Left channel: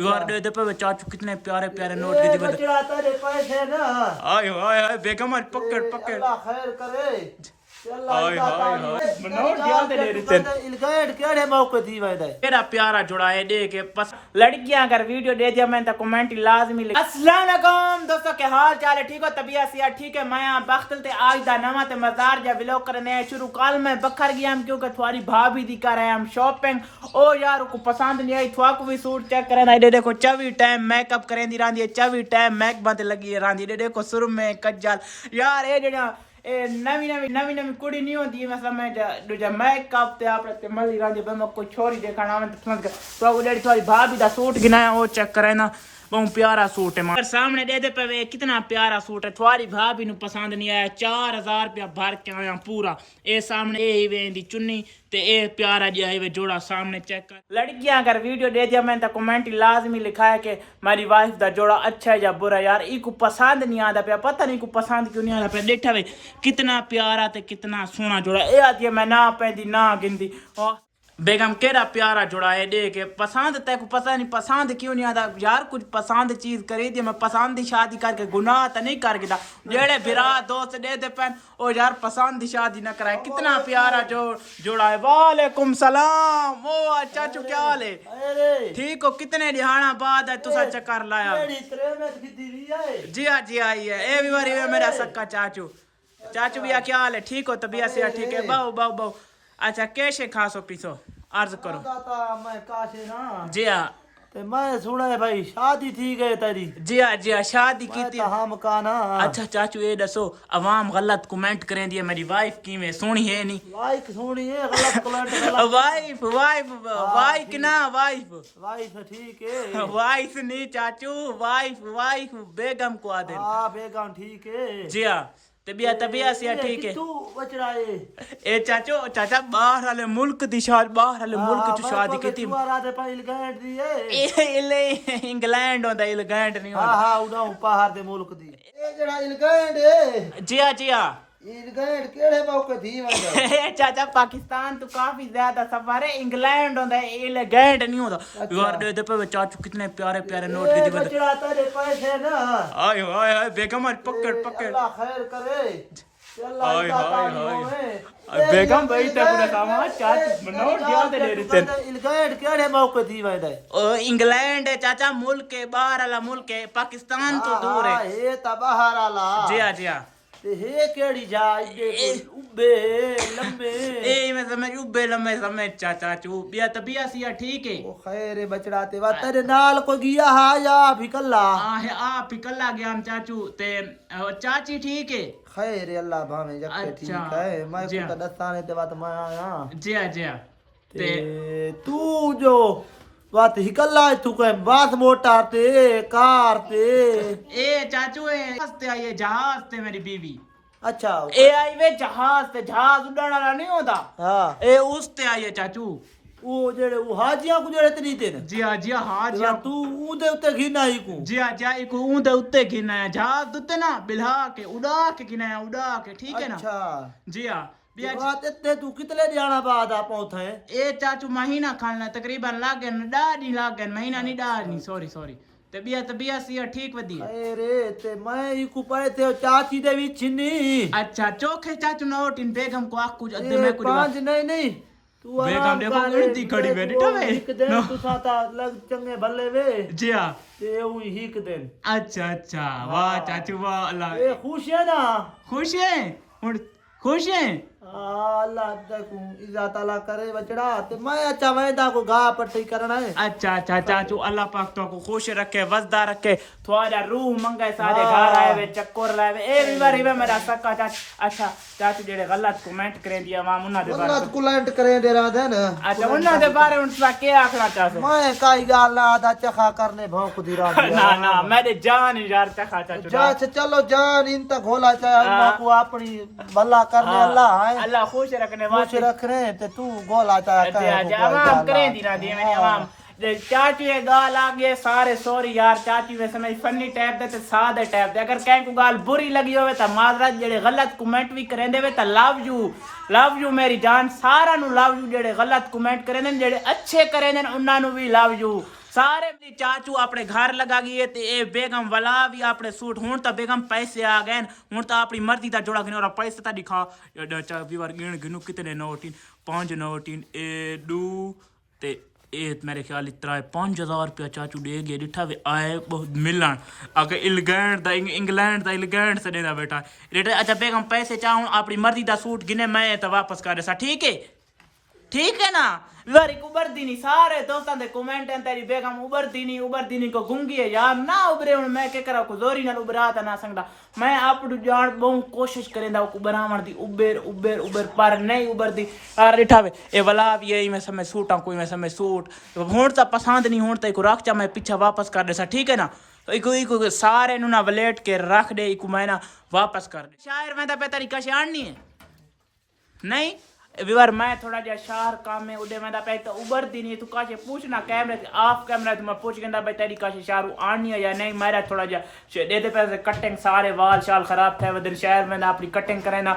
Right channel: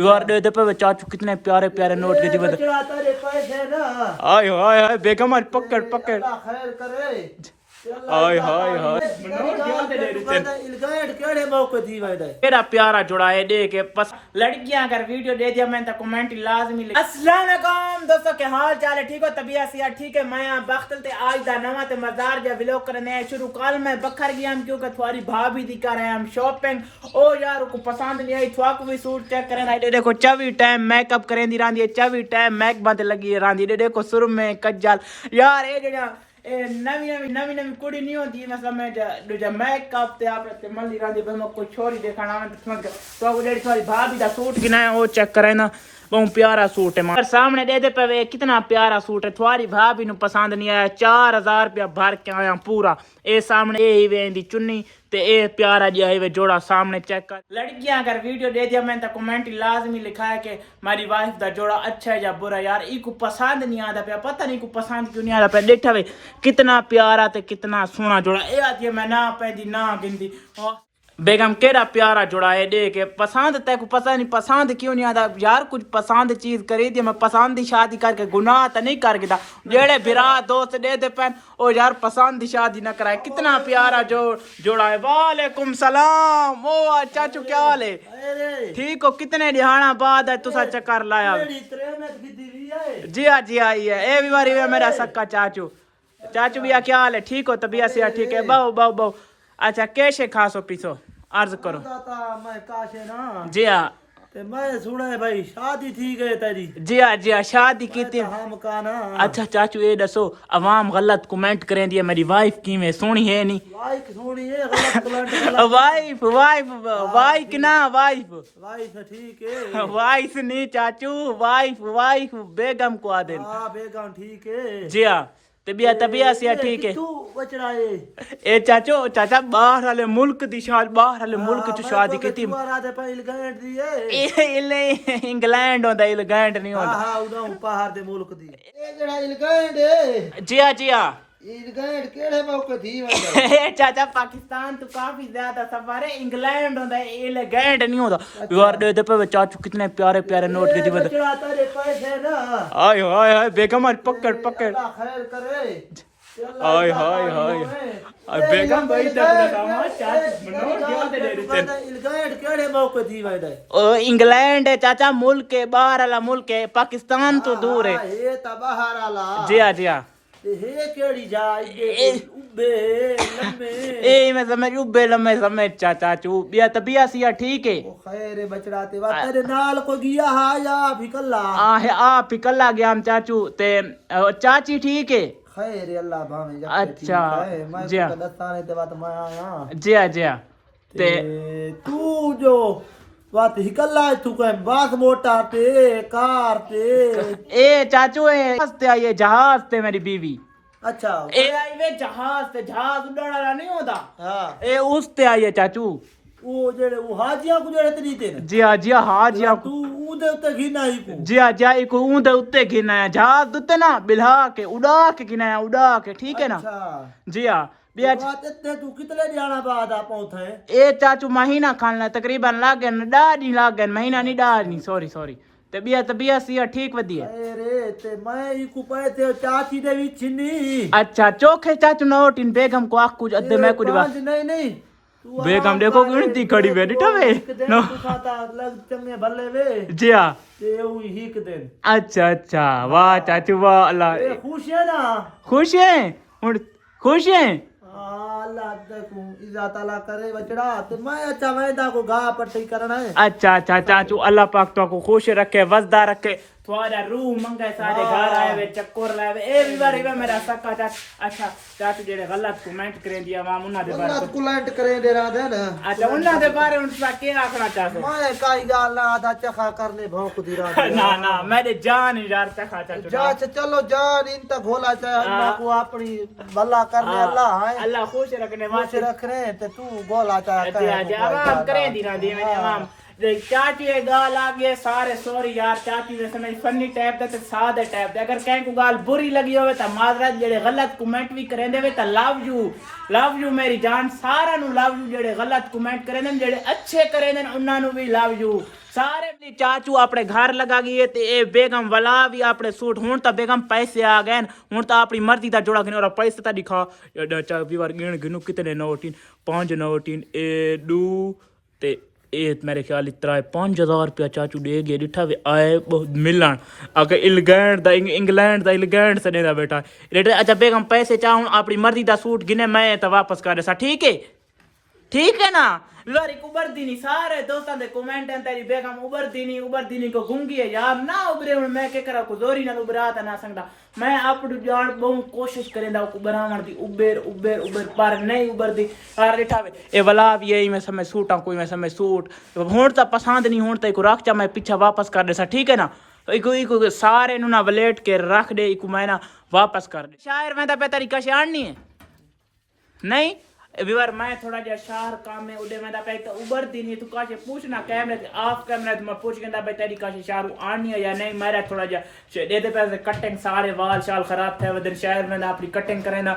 यार दे पे चाचू कितने प्यारे प्यारे नोट के दिए चढ़ाता रे पैसे ना। आय हाय हाय बेगम आज पकड़ पकड़ अल्लाह खैर करे। हाय हाय हाय नोट याद दे रही इलगाड़ केड़े मौके दी वैदे मेरा प्यारा जुड़ा है दे के बस लड़कियां अगर वीडियो दे दिया मैं तो कमेंट लाजमी लिख। अस्सलाम वालेकुम दोस्तों, के हाल चाल है? ठीक हो? तबीयत सिया ठीक है? मैं बख्तल ते आज दा नवा ते मजार जा व्लॉग करने है शुरू। कल मैं बखर गया हम क्योंकि तुम्हारी भाभी दिखा रहे हैं हम शॉपिंग। ओ यार को पसंद नहीं आई थवाक भी सूट चेक करें ना देखो 24 टाइम मेकअप करें दी रांदी 24 टाइम मेक बंद लगी रांदी देखो सुर में कज्जल यार ये जेड़ा नवी कुड़ी नहीं होती मतलब मैं दूजा मेकअप ते आप ते मल्ली गांधी मैं कोई छोरी देखना तो वो डेढ़ थोड़ी भाभी दा सूट गिना वो चेक करे ना बहुत प्यारा सूट है मार सामने दे पे कितना प्यारा सूट है। तुम्हारी भाभी नु पसंद नहीं आया 4000 रुपया भर के आया पूरा। ए सामने ए वेंदी चुन्नी ते ए प्यारा जी है जोड़ा सामने चेक कर। लड़कियां अगर वीडियो दे दिया मैं तो कमेंट लाजमी लिखा है कि मेरी वाइफ दा जोड़ा अच्छा है या बुरा। यार ई को पसंद नहीं आता पे पता नहीं को पसंद क्यों नहीं आता पे देखा वे कितना प्यारा ते कितना सोहना जोड़ा। ए आती है मैं ना पैदी ना गिनदी बेगम केड़ा प्यारा जुड़ा है दे के पसंद ते को पता नहीं पसंद क्यों नहीं आता यार। कुछ पसंद चीज करी थी मैं पसंद की शादी करके गुनाह तो नहीं कर गिता जेड़े बिरा दोस्त दे दे पैन ओ यार पसंद की शादी ना कराए। कितना प्यारा जोड़ा है। वालेकुम सलाम ओ चाचू क्या हाल है? ठीक हो? कितने दिहाना बाद है तुसा चक्कर लाया? जी हाँ जी आई है ए भी बारी मेरा सक्का चाचू चाचू भैया क्या हाल है? ठीक हो? तबीयत से ठीक है? बहु बहु बहु अच्छा कैसे खासो पीसो अर्ज करो। मैं काशे ना जी हाँ ते मैं सुना है भाई शादी थी गई तेरी। जी हाँ शादी की थी। हम काना अच्छा चाचू ये दसो अवाम गलत कमेंट करें दिया मेरी वाइफ की में सोनी है नहीं लाइक सुनी है गलत कमेंट वाइफ वाइफ वाइफ ना वाइफ वाइफ ठीक है वाइफ नहीं चाचू वाइफ वाइफ बेगम को आदे। हां बेगम ठीक है जी हाँ तबियत से ठीक है? तू बचड़ा है ए चाचू चाचा बाहर वाले मुल्क दी शादी बाहर वाले मुल्क च शादी की थी इंग्लैंड होंदा इंग्लैंड नहीं होंदा। हां उड़ा बाहर दे मुल्क दी ए जेड़ा इंग्लैंड है। जी हां इंग्लैंड केड़े मौके थी वंदा चाचा पाकिस्तान तो काफी ज्यादा सफर है इंग्लैंड होंदा इंग्लैंड नहीं होंदा। यार दे पे चाचू कितने प्यारे प्यारे नोट के दिए चढ़ाता रे पैसे ना। हाय हाय हाय बेगम आज पकड़ पकड़ अल्लाह खैर करे। हाय हाय हाय बेगम भाई तब सामा चाचू नोट याद दे रही थे। इंग्लैंड केड़े मौके थी वंदा ओ इंग्लैंड है चाचा मुल्क है बाहर वाला मुल्क है पाकिस्तान तो दूर है। ये ता बाहर वाला जी हाँ ते हे केड़ी जा उबे लम्बे ए मैं समझ उबे लम्बे समझ चाचू बिया तबियत सिया ठीक है? ओ खैर बचड़ा ते वा तेरे नाल को गया हा या फिकल्ला आ फिकल्ला गया हम चाचू ते चाची ठीक है? खैर अल्लाह भावे जब अच्छा है मैं को दस्ताने ते बात मैं आया जी हाँ ते तू जो बात हिकल्ला तू कह बात मोटा ते कार ते ए चाचू ए हंसते आई जहाज ते मेरी बीवी। अच्छा ए आई वे जहाज ते जहाज उड़ाने वाला नहीं होता। हां ए उस ते आई है चाचू वो जेड़े वो हाजियां को जेड़े तनी ते जी हाँ हाजियां तू उदे उत्ते घिना ही को जी हाँ इको ऊंदे उत्ते गिना है जहाज दुते ना बिल्हा के उड़ा के गिना है उड़ा के ठीक है ना। अच्छा जी हाँ बात इतने तू कितने दिहाना बाद आ पहुंचे ए चाचू महीना खाना तकरीबन लागे डाढ़ लागे महीना नहीं डाढ़ नहीं सॉरी तबियत सिया ठीक वधिया। अरे ते मैं ई को पए थे चाची दे विच नहीं। अच्छा चोखे चाचू नोट इन बेगम को आख कुछ अदे मैं कुछ नहीं तू बेगम देखो गिनती खड़ी वे डिठा वे नो साता लग चंगे भले वे जी हां ते ओ हिक दिन। अच्छा वाह चाचू वाह अल्लाह ए खुश है ना? खुश है हुन खुश है अल्लाह देखो इज्जत अल्लाह करे बचड़ा ते मैं अच्छा वेदा को गा पट्टी करना है। अच्छा चाचू अल्लाह पाक तो को खुश रखे वजदा रखे थोड़ा रूह मंगे सारे घर आए वे चक्कर लाए वे ए भी बारी वे मेरा सक्का चाचा। अच्छा चाचू जेड़े गलत कमेंट करें दिया मां उन्ना दे बारे गलत कमेंट करें दे रहा था ना। अच्छा उन्ना दे बारे उन सा के आखना चाहते मैं काई गाल ना आधा चखा करने भौंक दी रहा ना मेरे जान यार चखा चाचू जा चलो जान इन तक घोला अल्लाह को अपनी भला करना अल्लाह है अल्लाह खुश रखने वास्ते रखने ते तू गोला चाहता है। अच्छा आराम करें दी ना दी मैंने आराम चाची ये गाल आ गए सारे सॉरी यार चाची वे समझ फनी टाइप दे ते सादे टाइप दे अगर कहीं को गाल बुरी लगी होवे ता माजरत जेड़े गलत कमेंट भी करेंदे वे ता लव यू मेरी जान सारा नु लव यू जेड़े गलत कमेंट करेंदे जेड़े अच्छे करेंदे उन्हां नु भी लव यू सारे मेरे चाचू अपने घर लगा गए ते ए बेगम वाला भी अपने सूट हुन तो बेगम पैसे आ गए हुन तो अपनी मर्जी दा जोड़ा गिनो और पैसे ता दिखा चाचा वीवर गिन गिनो कितने नोट 5 नोट ए दू ते ए मेरे ख्याल इतना 5000 रुपया चाचू दे गए डिठा वे आए बहुत मिलन अगर इंग्लैंड से देदा बेटा रेट अच्छा बेगम पैसे चाहूं अपनी मर्जी दा सूट गिने मैं तो वापस कर देसा ठीक है ना वारी उबरदी नहीं सारे दोस्तों दे कमेंट हैं तेरी बेगम उबरदी नहीं को गुंगी है यार ना उबरे मैं के करा को जोरी नाल उबरा ता ना सकदा मैं अपनी जान बहुत कोशिश करेंदा को बनावण दी उबर पर नहीं उबरदी यार दिठावे ए वाला भी यही मैं समय सूटा कोई मैं समय सूट होण ता पसंद नहीं होण ता को रख चा मैं पीछे वापस कर देसा ठीक है ना इको सारे नु ना वलेट के रख दे इको मैं ना वापस कर दे शायर में ता पे तरीका से आणनी है नहीं विवर मैं थोड़ा जा शार काम में उड़े मैं पे तो उबर दी नहीं तू काशे पूछना कैमरे ऑफ कैमरा तो मैं पूछ के भाई तेरी काशे शारू आनी है या नहीं मेरा थोड़ा जा दे पैसे कटिंग सारे वाल शाल खराब थे वदन शहर में अपनी कटिंग करे ना